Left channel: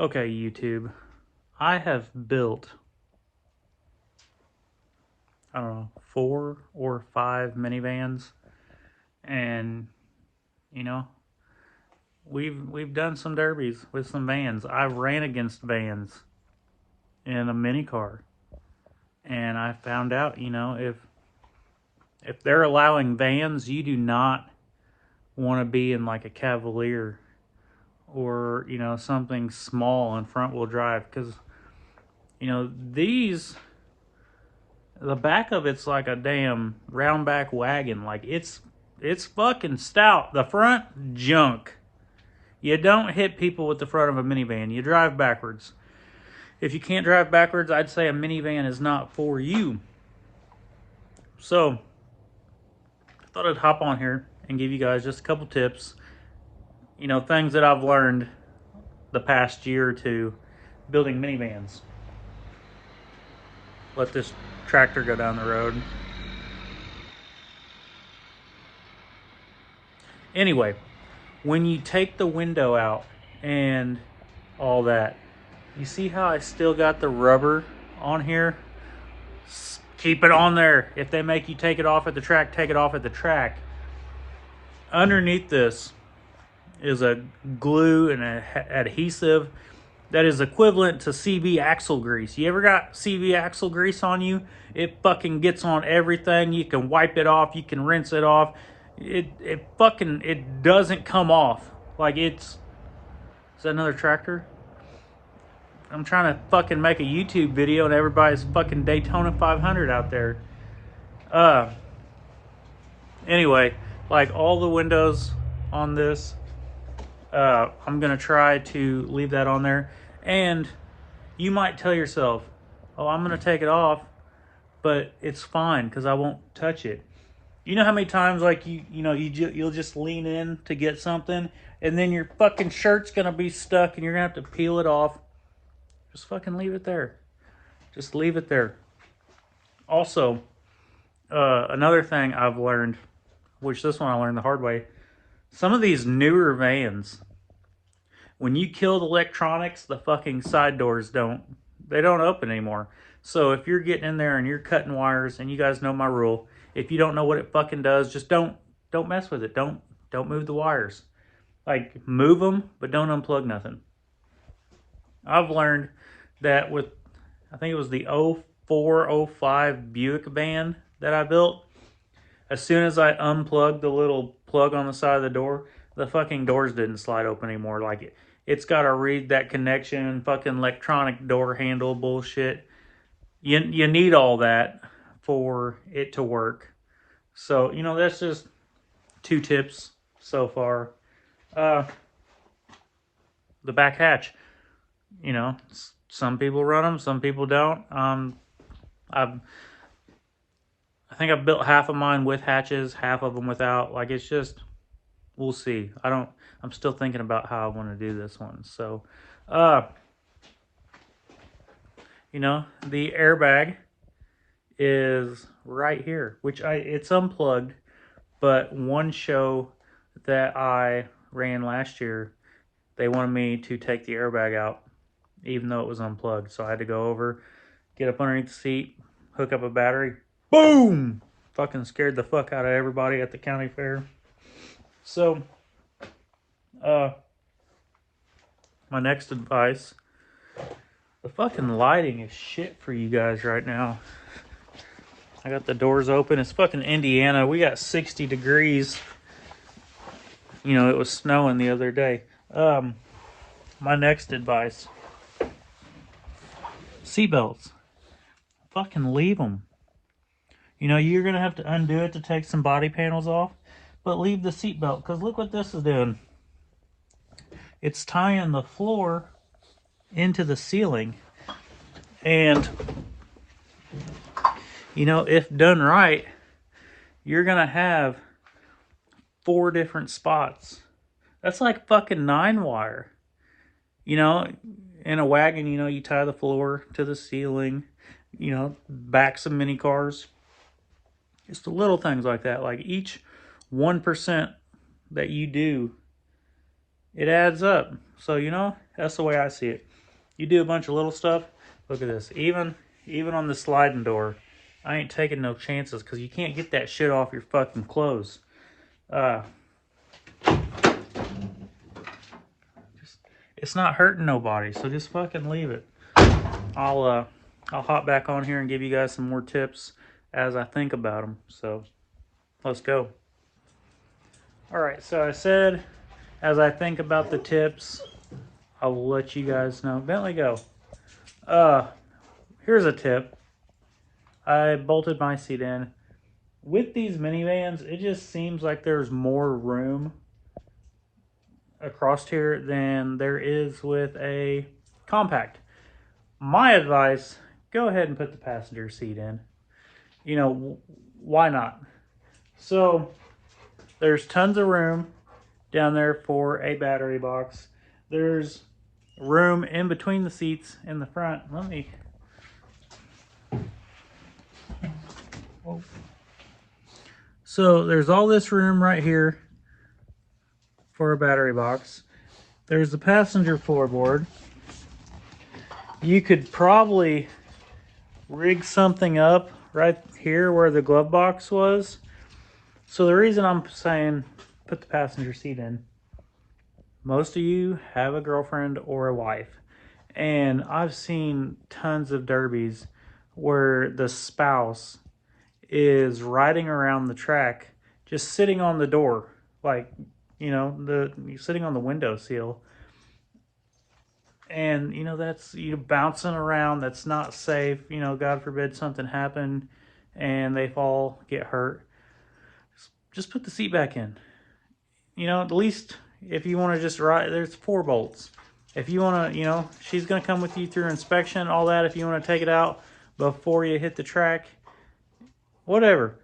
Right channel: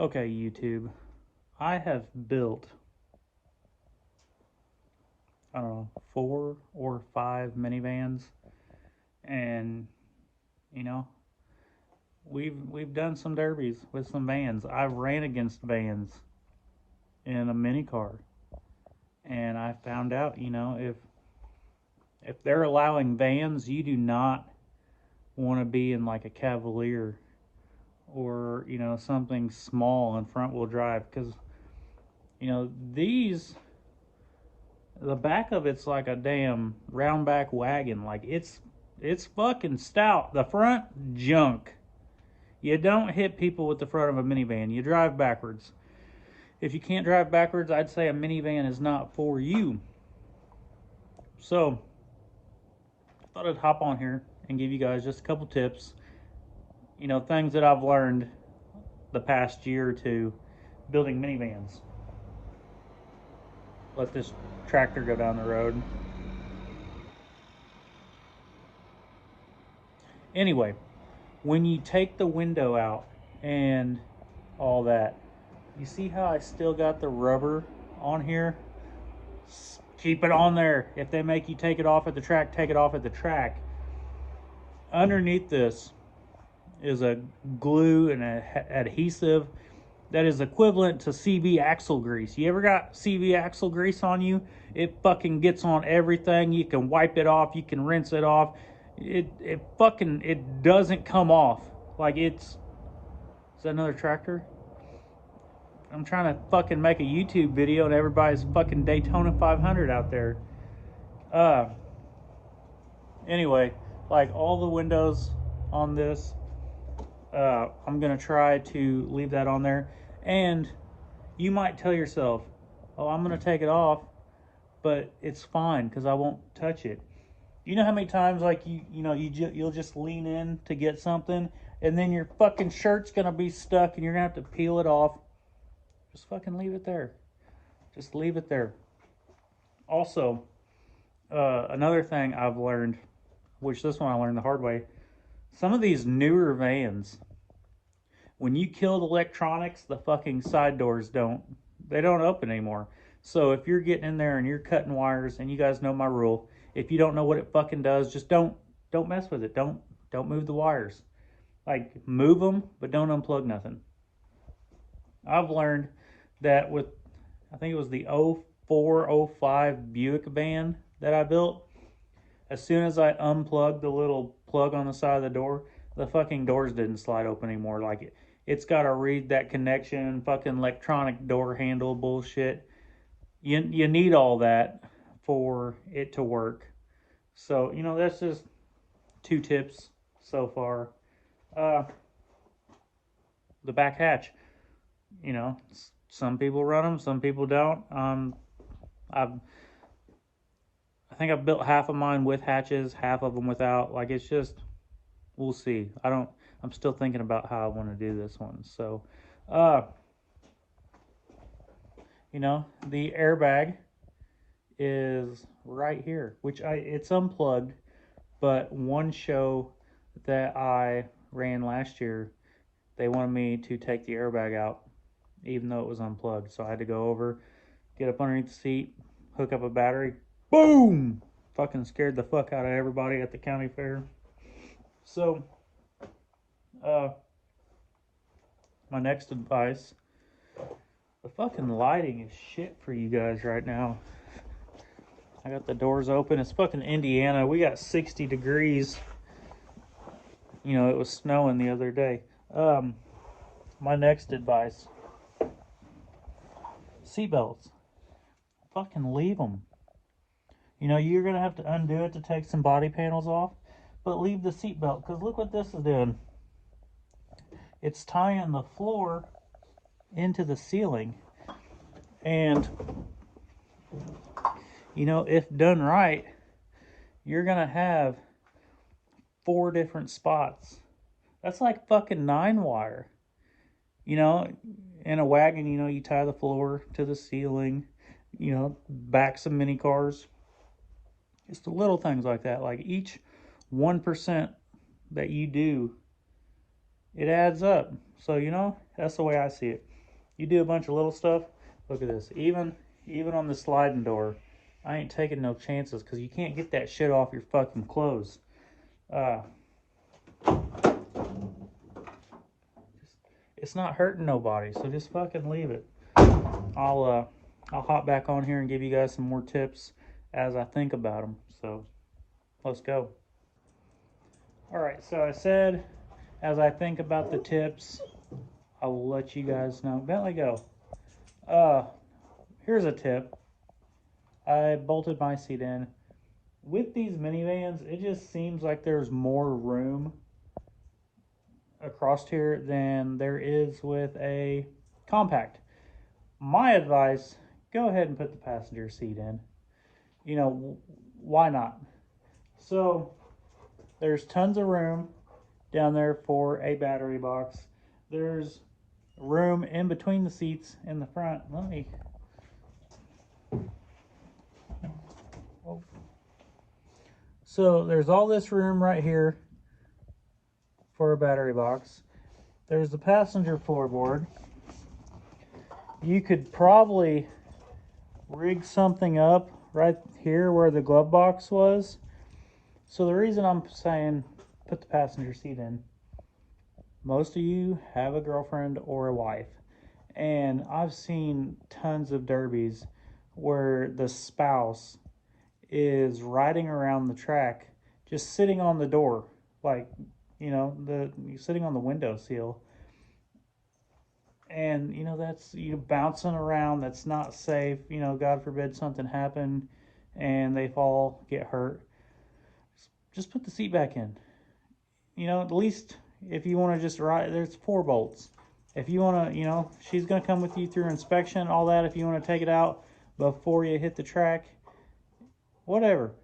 Okay, YouTube. I have built, I don't know, 4 or 5 minivans, and you know, we've done some derbies with some vans. I've ran against vans in a mini car, and I found out, if they're allowing vans, you do not want to be in like a Cavalier or something small and front wheel drive because these the back of it's like a damn round back wagon. Like it's fucking stout. The front, junk. You don't hit people with the front of a minivan. You drive backwards. If you can't drive backwards, I'd say a minivan is not for you. So I thought I'd hop on here and give you guys just a couple tips. Things that I've learned the past year or two building minivans. Let this tractor go down the road. Anyway, when you take the window out and all that, you see how I still got the rubber on here? Keep it on there. If they make you take it off at the track, take it off at the track. Underneath this is a glue and an adhesive that is equivalent to CV axle grease. You ever got CV axle grease on you? It fucking gets on everything. You can wipe it off. You can rinse it off. It doesn't come off. Like is that another tractor? I'm trying to fucking make a YouTube video and everybody's fucking Daytona 500 out there. Anyway, like all the windows on this, I'm gonna try to leave that on there. And you might tell yourself, oh, I'm gonna take it off, but it's fine because I won't touch it. You know how many times like you'll just lean in to get something and then your fucking shirt's gonna be stuck and you're gonna have to peel it off. Just fucking leave it there. Just leave it there. Also, another thing I've learned, which this one I learned the hard way, some of these newer vans, when you kill the electronics, the fucking side doors don't open anymore. So if you're getting in there and you're cutting wires, and you guys know my rule, if you don't know what it fucking does, just don't mess with it. Don't move the wires. Like move them, but don't unplug nothing. I've learned that with, I think it was the 0405 Buick van that I built, as soon as I unplugged the little plug on the side of the door, the fucking doors didn't slide open anymore. Like it's got to read that connection, fucking electronic door handle bullshit. You need all that for it to work. So, that's just 2 tips so far. The back hatch. Some people run them, some people don't. I think I've built half of mine with hatches, half of them without. Like it's just, we'll see. I'm still thinking about how I want to do this one. So, the airbag is right here, which it's unplugged, but one show that I ran last year, they wanted me to take the airbag out, even though it was unplugged. So I had to go over, get up underneath the seat, hook up a battery, boom! Fucking scared the fuck out of everybody at the county fair. So, my next advice, the fucking lighting is shit for you guys right now. I got the doors open. It's fucking Indiana. We got 60 degrees. It was snowing the other day. My next advice, seatbelts. Fucking leave them. You're going to have to undo it to take some body panels off, but leave the seatbelt, because look what this is doing. It's tying the floor into the ceiling, and if done right, you're going to have 4 different spots. That's like fucking 9 wire. In a wagon, you tie the floor to the ceiling, backs of mini cars. Just the little things like that. Like each 1% that you do, it adds up. So, you know, that's the way I see it. You do a bunch of little stuff. Look at this. Even on the sliding door, I ain't taking no chances because you can't get that shit off your fucking clothes. It's not hurting nobody, so just fucking leave it. I'll hop back on here and give you guys some more tips as I think about them. So let's go. All right, so I said as I think about the tips, I will let you guys know. Bentley, go. Here's a tip. I bolted my seat in. With these minivans, it just seems like there's more room across here than there is with a compact. My advice, go ahead and put the passenger seat in. You know, why not? So there's tons of room down there for a battery box. There's room in between the seats in the front. So there's all this room right here for a battery box. There's the passenger floorboard. You could probably rig something up right here where the glove box was. So the reason I'm saying put the passenger seat in, most of you have a girlfriend or a wife, and I've seen tons of derbies where the spouse is riding around the track just sitting on the door, like, you know, sitting on the window sill, and you know, that's you bouncing around. That's not safe. You know, God forbid something happened and they fall, get hurt. Just put the seat back in. You know, at least if you want to just ride, there's 4 bolts. If you want to, you know, she's going to come with you through inspection, all that. If you want to take it out before you hit the track, whatever.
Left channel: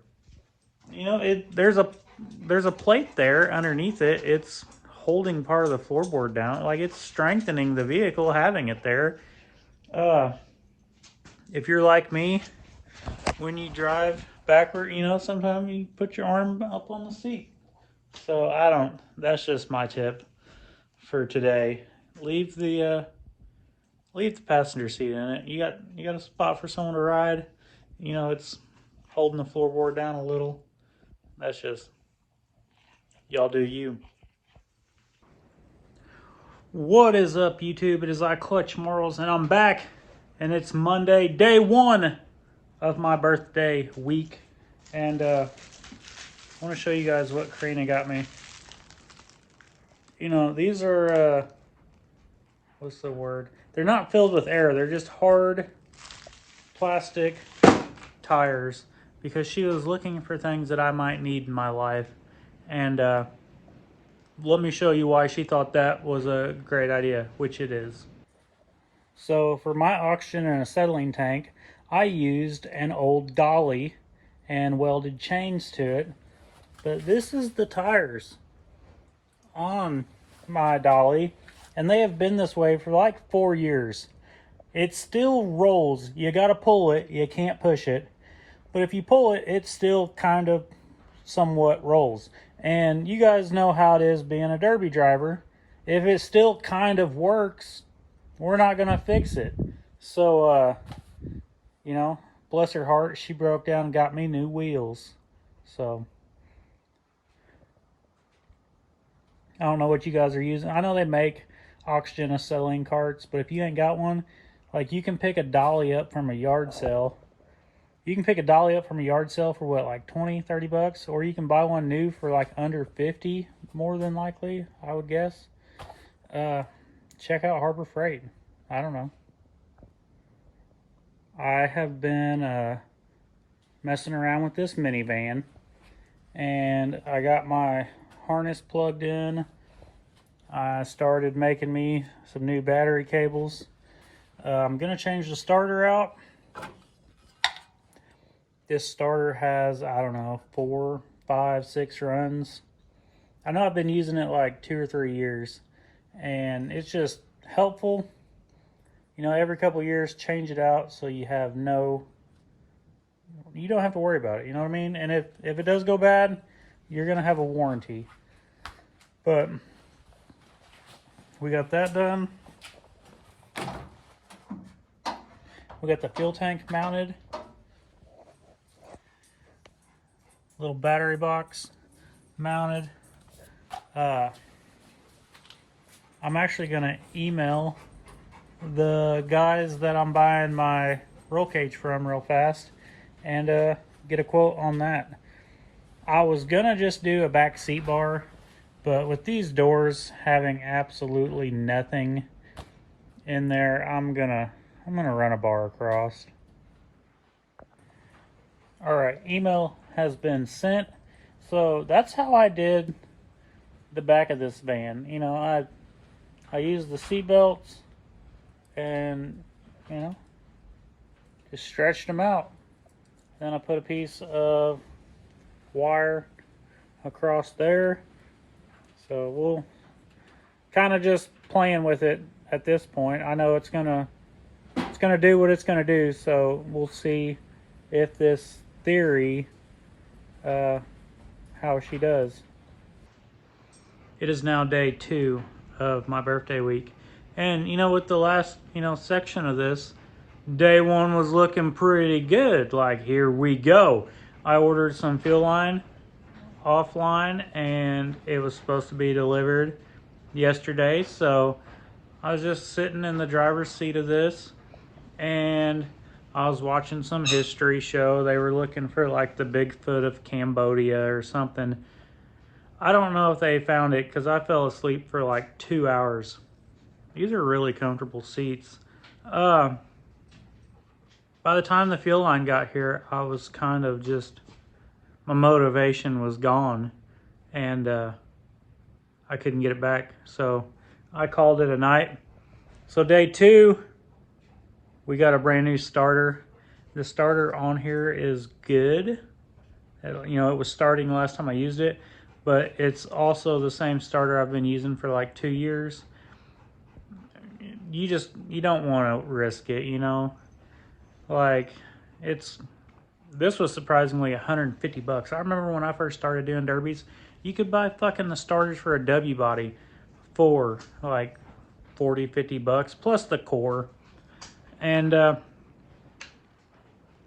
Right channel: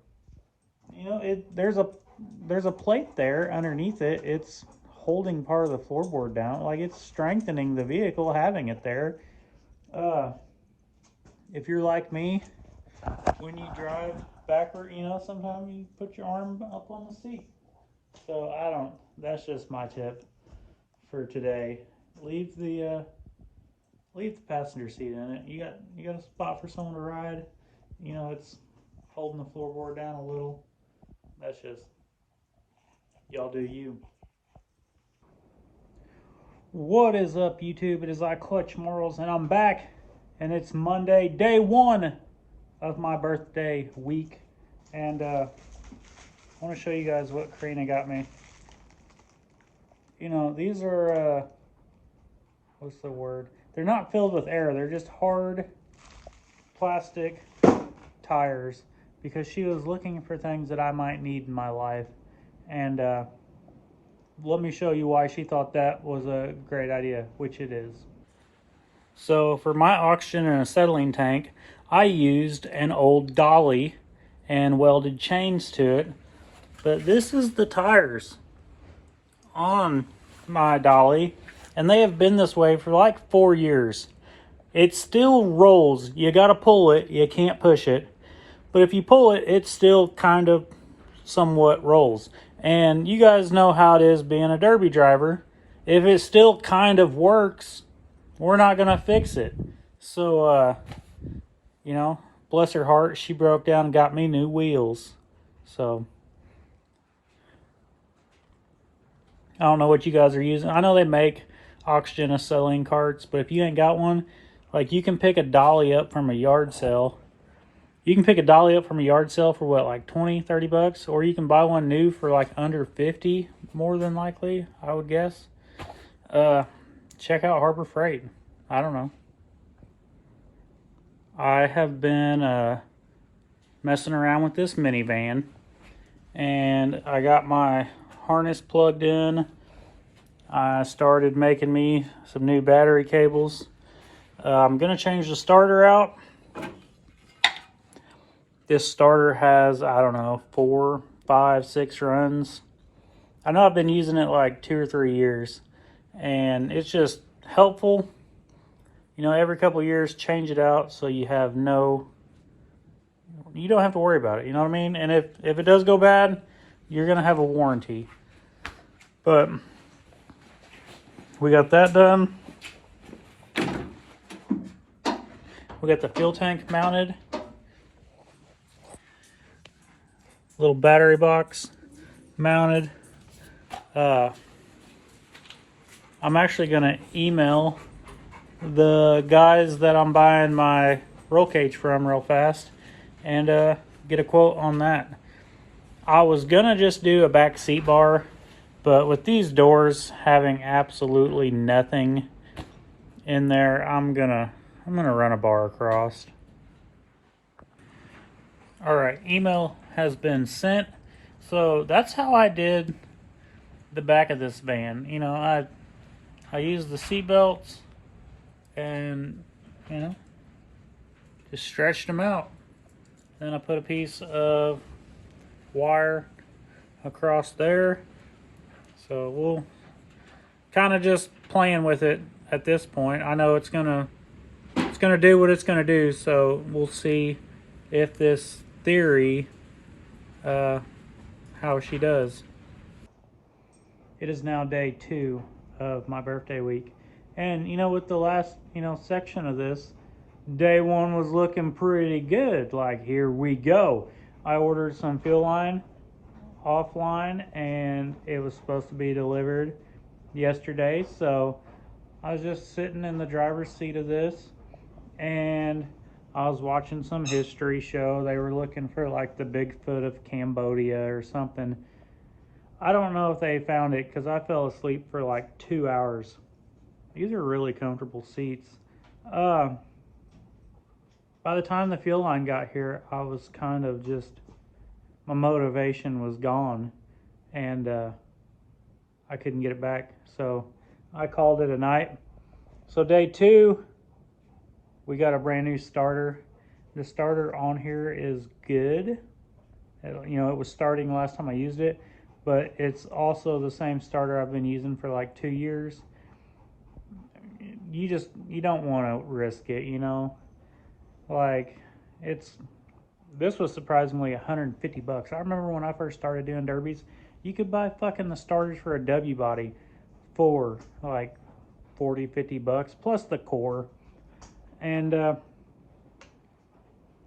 You know, there's a plate there underneath it. It's holding part of the floorboard down. Like, it's strengthening the vehicle having it there. If you're like me, when you drive backward, you know, sometimes you put your arm up on the seat. So that's just my tip for today. Leave the passenger seat in it. You got a spot for someone to ride. You know, it's holding the floorboard down a little. That's just, y'all do you. What is up, YouTube? It is I, Clutch Marles, and I'm back, and it's Monday, day 1 of my birthday week, and I want to show you guys what Karina got me. You know, these are, what's the word? They're not filled with air. They're just hard plastic tires, because she was looking for things that I might need in my life, and let me show you why she thought that was a great idea, which it is. So for my oxygen and acetylene tank, I used an old dolly and welded chains to it. But this is the tires on my dolly, and they have been this way for like 4 years. It still rolls. You gotta pull it, you can't push it. But if you pull it, it still kind of somewhat rolls. And you guys know how it is being a derby driver. If it still kind of works, we're not gonna fix it. So, you know, bless her heart, she broke down and got me new wheels. So, I don't know what you guys are using. I know they make oxygen acetylene carts, but if you ain't got one, like, you can pick a dolly up from a yard sale. You can pick a dolly up from a yard sale for what, like 20, 30 bucks? Or you can buy one new for like under 50, more than likely, I would guess. Check out Harbor Freight. I don't know. I have been messing around with this minivan, and I got my harness plugged in. I started making me some new battery cables. I'm gonna change the starter out. This starter has, I don't know, 4, 5, 6 runs. I know I've been using it like 2 or 3 years, and it's just helpful. You know, every couple of years, change it out so you have you don't have to worry about it, you know what I mean? And if it does go bad, you're gonna have a warranty. But we got that done. We got the fuel tank mounted. Little battery box mounted. I'm actually gonna email the guys that I'm buying my roll cage from real fast and get a quote on that. I was gonna just do a back seat bar, but with these doors having absolutely nothing in there, I'm gonna run a bar across. All right, email has been sent. So that's how I did the back of this van. You know, I used the seat belts and, you know, just stretched them out. Then I put a piece of wire across there. So we'll kind of just playing with it at this point. I know it's gonna do what it's gonna do. So we'll see if this theory, how she does. It is now day 2 of my birthday week. And you know, with the last, section of this, day 1 was looking pretty good. Like, here we go. I ordered some fuel line offline and it was supposed to be delivered yesterday. So I was just sitting in the driver's seat of this and I was watching some history show. They were looking for like the Bigfoot of Cambodia or something. I don't know if they found it because I fell asleep for like 2 hours. These are really comfortable seats. By the time the fuel line got here, I was kind of just, my motivation was gone and I couldn't get it back. So I called it a night. So day 2, we got a brand new starter. The starter on here is good. It was starting last time I used it, but it's also the same starter I've been using for like 2 years. You don't want to risk it, Like, this was surprisingly $150. I remember when I first started doing derbies, you could buy fucking the starters for a W body for like $40-50 plus the core. And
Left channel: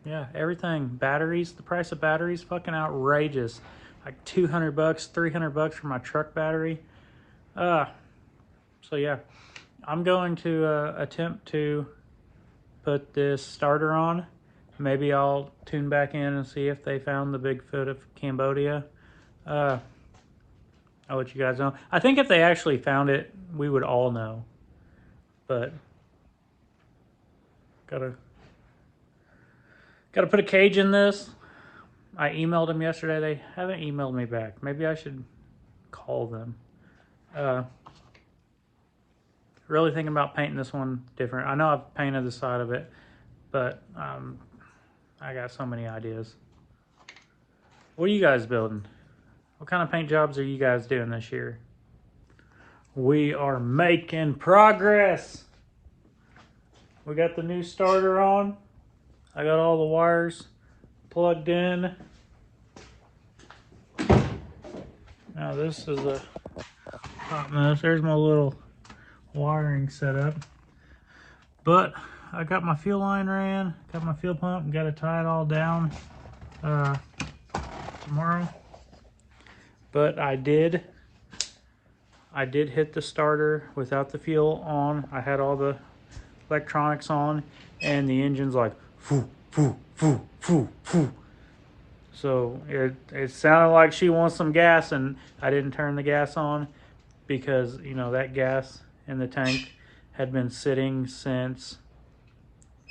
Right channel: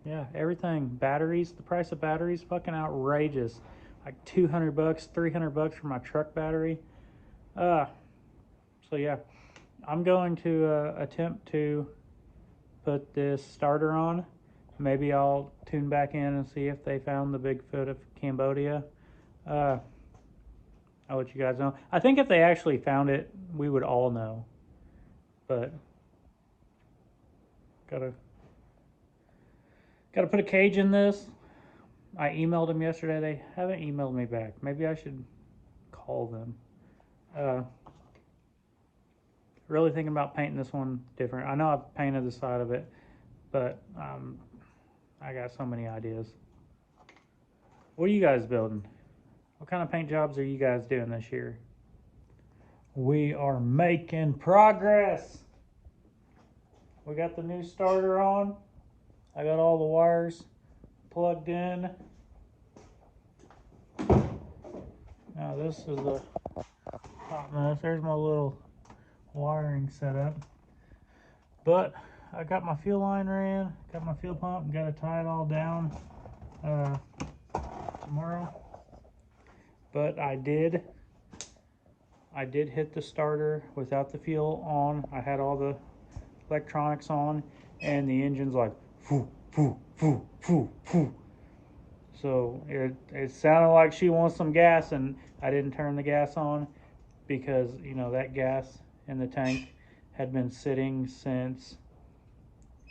yeah, everything, batteries, the price of batteries, fucking outrageous. Like $200, $300 for my truck battery. So yeah, I'm going to attempt to put this starter on. Maybe I'll tune back in and see if they found the Bigfoot of Cambodia. I'll let you guys know. I think if they actually found it, we would all know. But gotta put a cage in this. I emailed them yesterday. They haven't emailed me back. Maybe I should call them. Really thinking about painting this one different. I know I've painted the side of it, but I got so many ideas. What are you guys building? What kind of paint jobs are you guys doing this year? We are making progress. We got the new starter on. I got all the wires plugged in. Now this is there's my little wiring set up. But I got my fuel line ran, got my fuel pump, got to tie it all down tomorrow. But I did hit the starter without the fuel on. I had all the electronics on and the engine's like foo, foo, foo, foo, foo. So it sounded like she wants some gas, and I didn't turn the gas on because that gas in the tank had been sitting since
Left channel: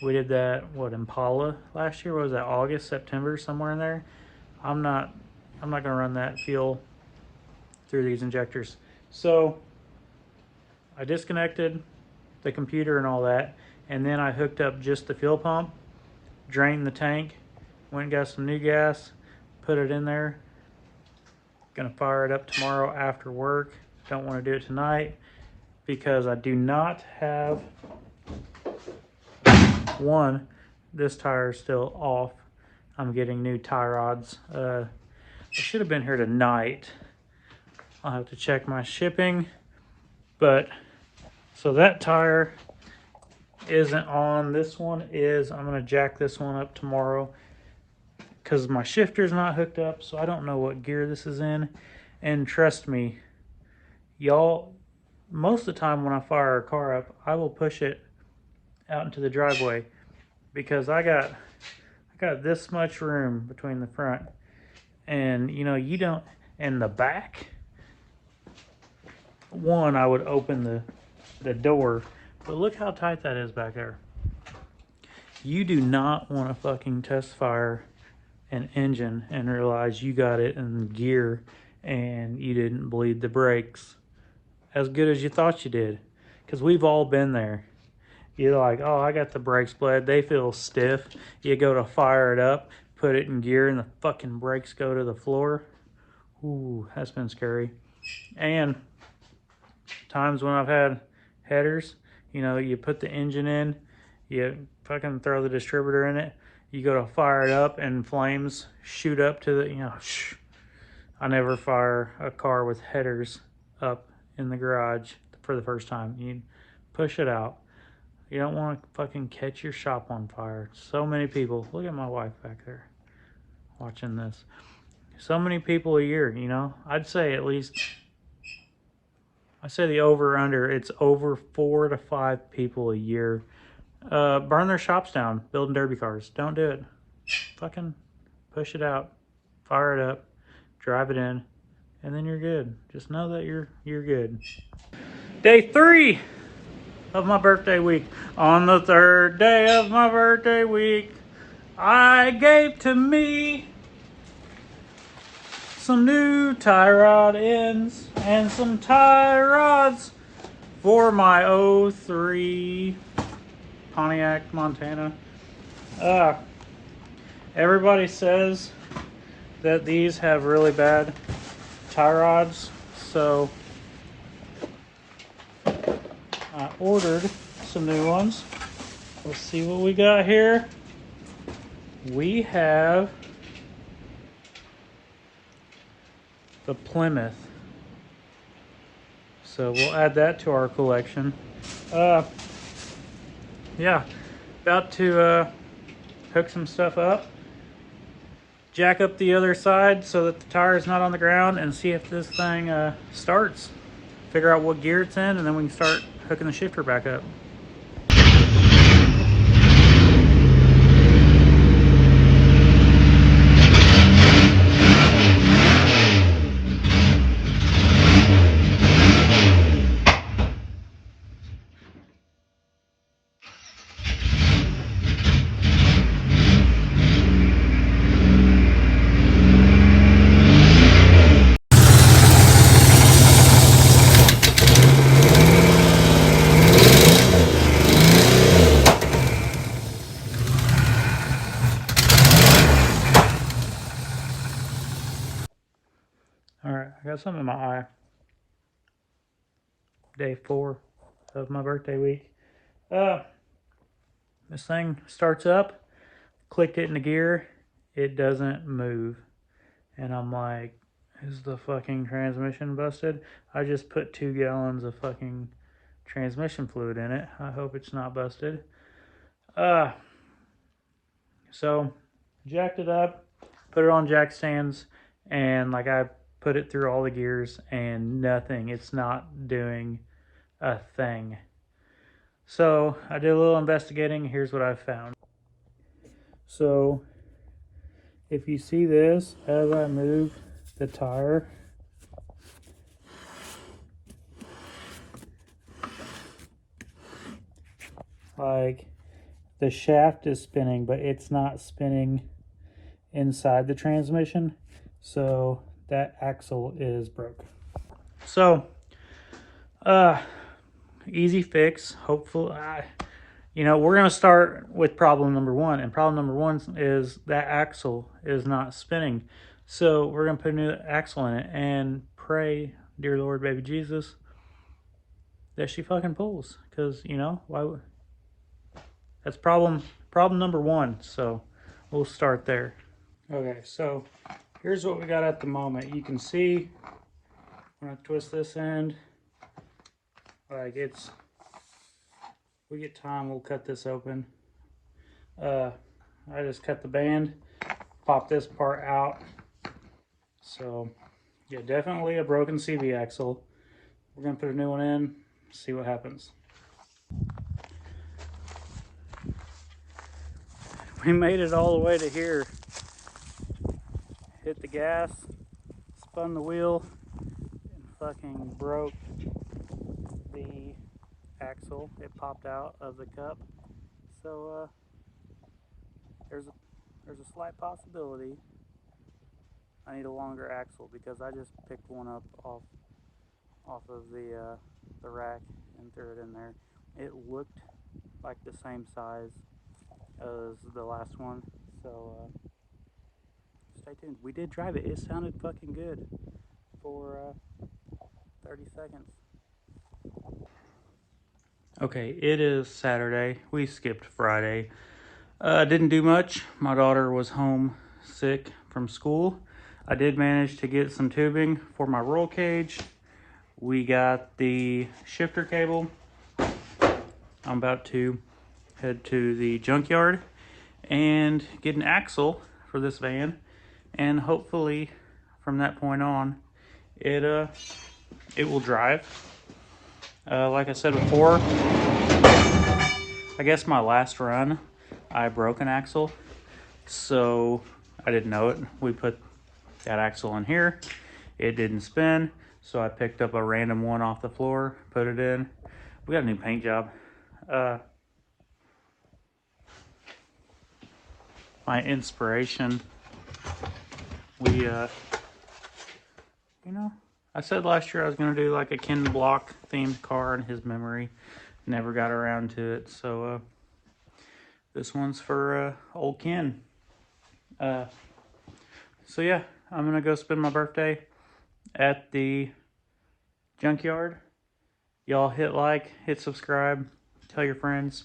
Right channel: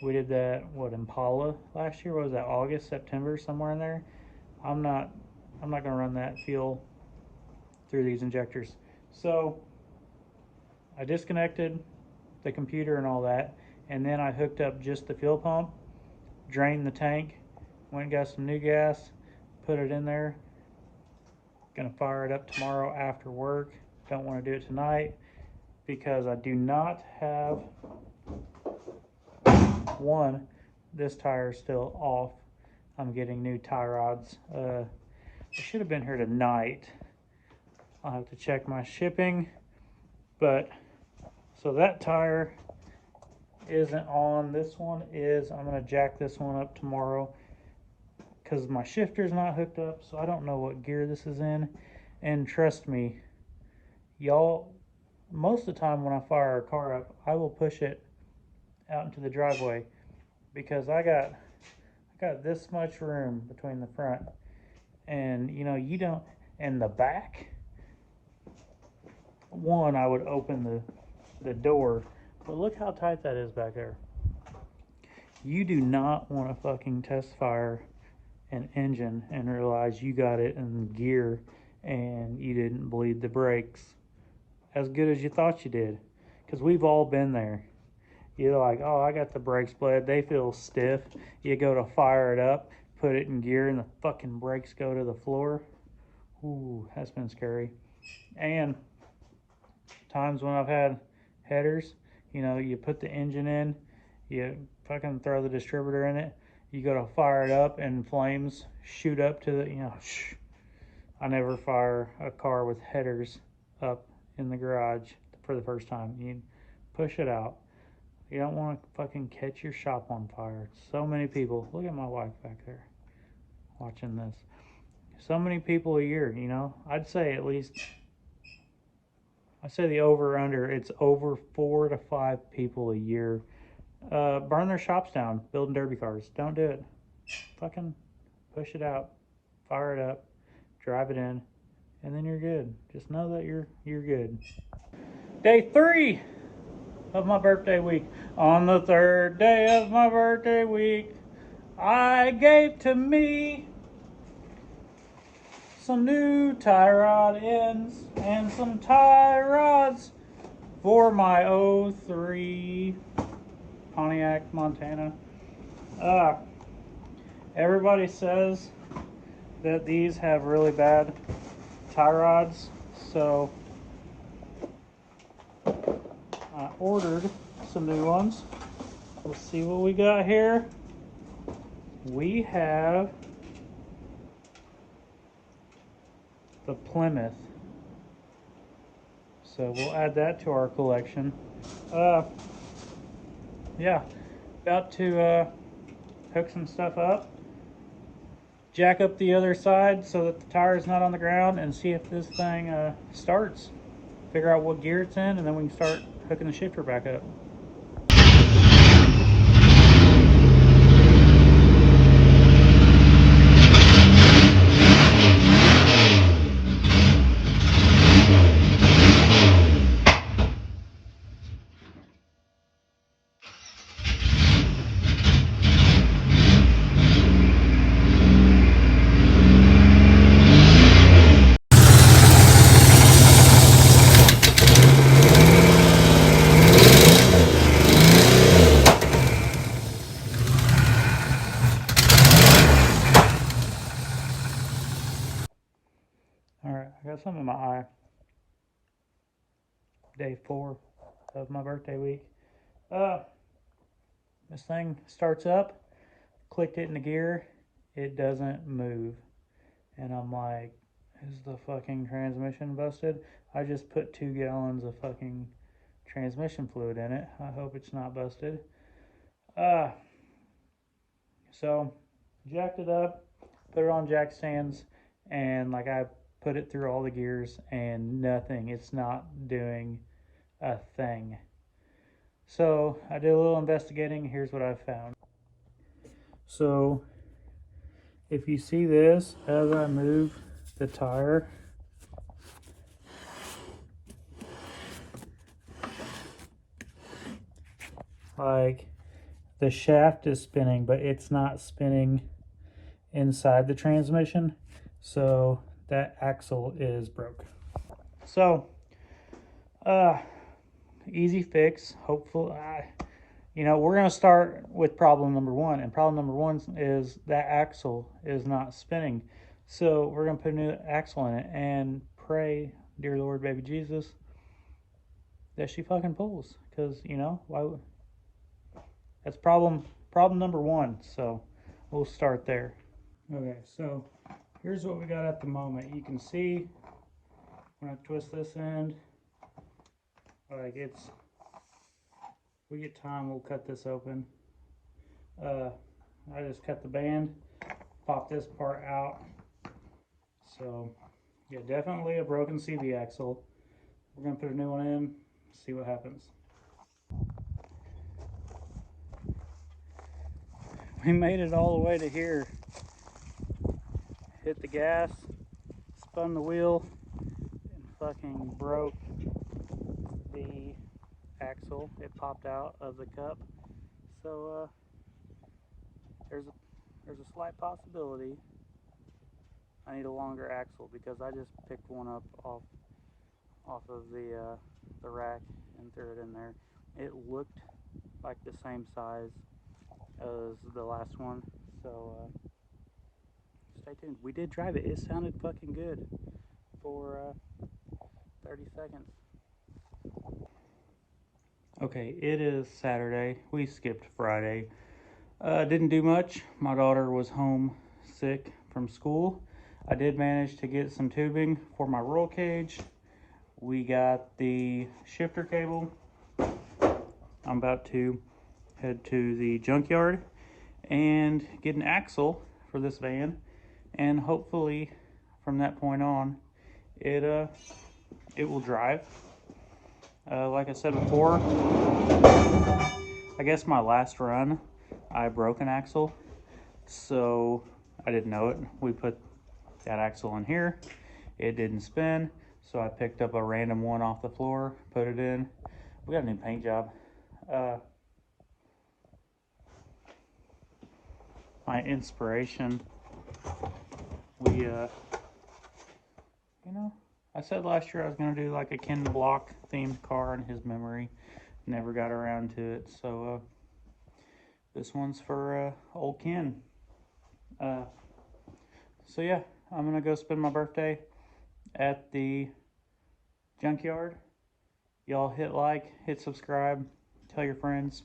we did that Impala last year. What was that, August, September, somewhere in there? I'm not gonna run that fuel through these injectors. So I disconnected the computer and all that, and then I hooked up just the fuel pump, drained the tank, went and got some new gas, put it in there. Gonna fire it up tomorrow after work. Don't want to do it tonight because I do not have this tire is still off. I'm getting new tie rods. I should have been here tonight. I'll have to check my shipping, but So that tire isn't on. This one is. I'm gonna jack this one up tomorrow because my shifter's not hooked up, so I don't know what gear this is in. And trust me, y'all, most of the time when I fire a car up, I will push it out into the driveway because I got this much room between the front and you don't, and the back one. I would open the door, but look how tight that is back there. You do not want to fucking test fire an engine and realize you got it in gear and you didn't bleed the brakes as good as you thought you did, because we've all been there. You're like, oh, I got the brakes bled, they feel stiff. You go to fire it up, put it in gear, and the fucking brakes go to the floor. Ooh, that's been scary. And times when I've had headers, you put the engine in, you fucking throw the distributor in it, you go to fire it up, and flames shoot up to the, I never fire a car with headers up in the garage for the first time. You push it out. You don't want to fucking catch your shop on fire. So many people, look at my wife back there watching this. So many people a year, I'd say at least, I say the over under, it's over 4 to 5 people a year burn their shops down building derby cars. Don't do it. Fucking push it out, fire it up, drive it in, and then you're good. Just know that you're good. Day 3 of my birthday week. On the 3rd day of my birthday week, I gave to me some new tie rod ends and some tie rods for my '03 Pontiac Montana. Everybody says that these have really bad tie rods, so I ordered some new ones. Let's see what we got here. We have the Plymouth, so we'll add that to our collection. Yeah, about to hook some stuff up, jack up the other side so that the tire is not on the ground, and see if this thing starts. Figure out what gear it's in, and then we can start hooking the shifter back up. Alright, I got something in my eye. Day 4 of my birthday week. This thing starts up, clicked it into gear, it doesn't move. And I'm like, is the fucking transmission busted? I just put 2 gallons of fucking transmission fluid in it. I hope it's not busted. So jacked it up, put it on jack stands, and like I put it through all the gears and nothing. It's not doing a thing. So I did a little investigating. Here's what I found. So if you see this, as I move the tire, like the shaft is spinning, but it's not spinning inside the transmission. So that axle is broke. So, easy fix. Hopefully, we're going to start with problem number 1. And problem number 1 is that axle is not spinning. So we're going to put a new axle in it and pray, dear Lord, baby Jesus, that she fucking pulls. Because, why would... That's problem number 1. So we'll start there. Okay, so here's what we got at the moment. You can see when I twist this end, like it's we get time, we'll cut this open. I just cut the band, pop this part out. So yeah, definitely a broken CV axle. We're gonna put a new one in, see what happens. We made it all the way to here. Hit the gas, spun the wheel, and fucking broke the axle. It popped out of the cup. So there's a slight possibility I need a longer axle, because I just picked one up off of the rack and threw it in there. It looked like the same size as the last one, so stay tuned. We did drive it. It sounded fucking good for 30 seconds. Okay, it is Saturday. We skipped Friday. Didn't do much. My daughter was home sick from school. I did manage to get some tubing for my roll cage. We got the shifter cable. I'm about to head to the junkyard and get an axle for this van, and hopefully from that point on it will drive. Like I said before, I guess my last run I broke an axle, so I didn't know it. We put that axle in here, it didn't spin, so I picked up a random one off the floor, put it in. We got a new paint job. My inspiration, I said last year I was going to do like a Ken Block themed car in his memory. Never got around to it, so this one's for old Ken. So yeah, I'm going to go spend my birthday at the junkyard. Y'all hit like, hit subscribe, tell your friends.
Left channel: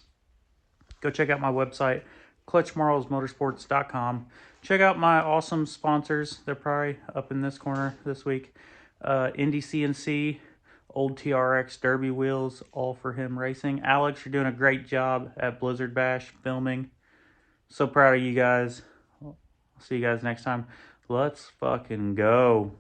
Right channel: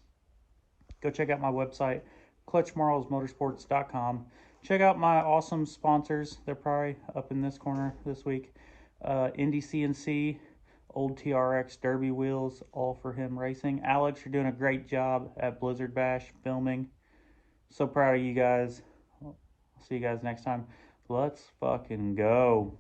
Go check out my website, clutchmarlesmotorsports.com. Check out my awesome sponsors. They're probably up in this corner this week. Indy CNC, Old TRX Derby Wheels, All For Him Racing. Alex, you're doing a great job at Blizzard Bash filming. So proud of you guys. See you guys next time. Let's fucking go.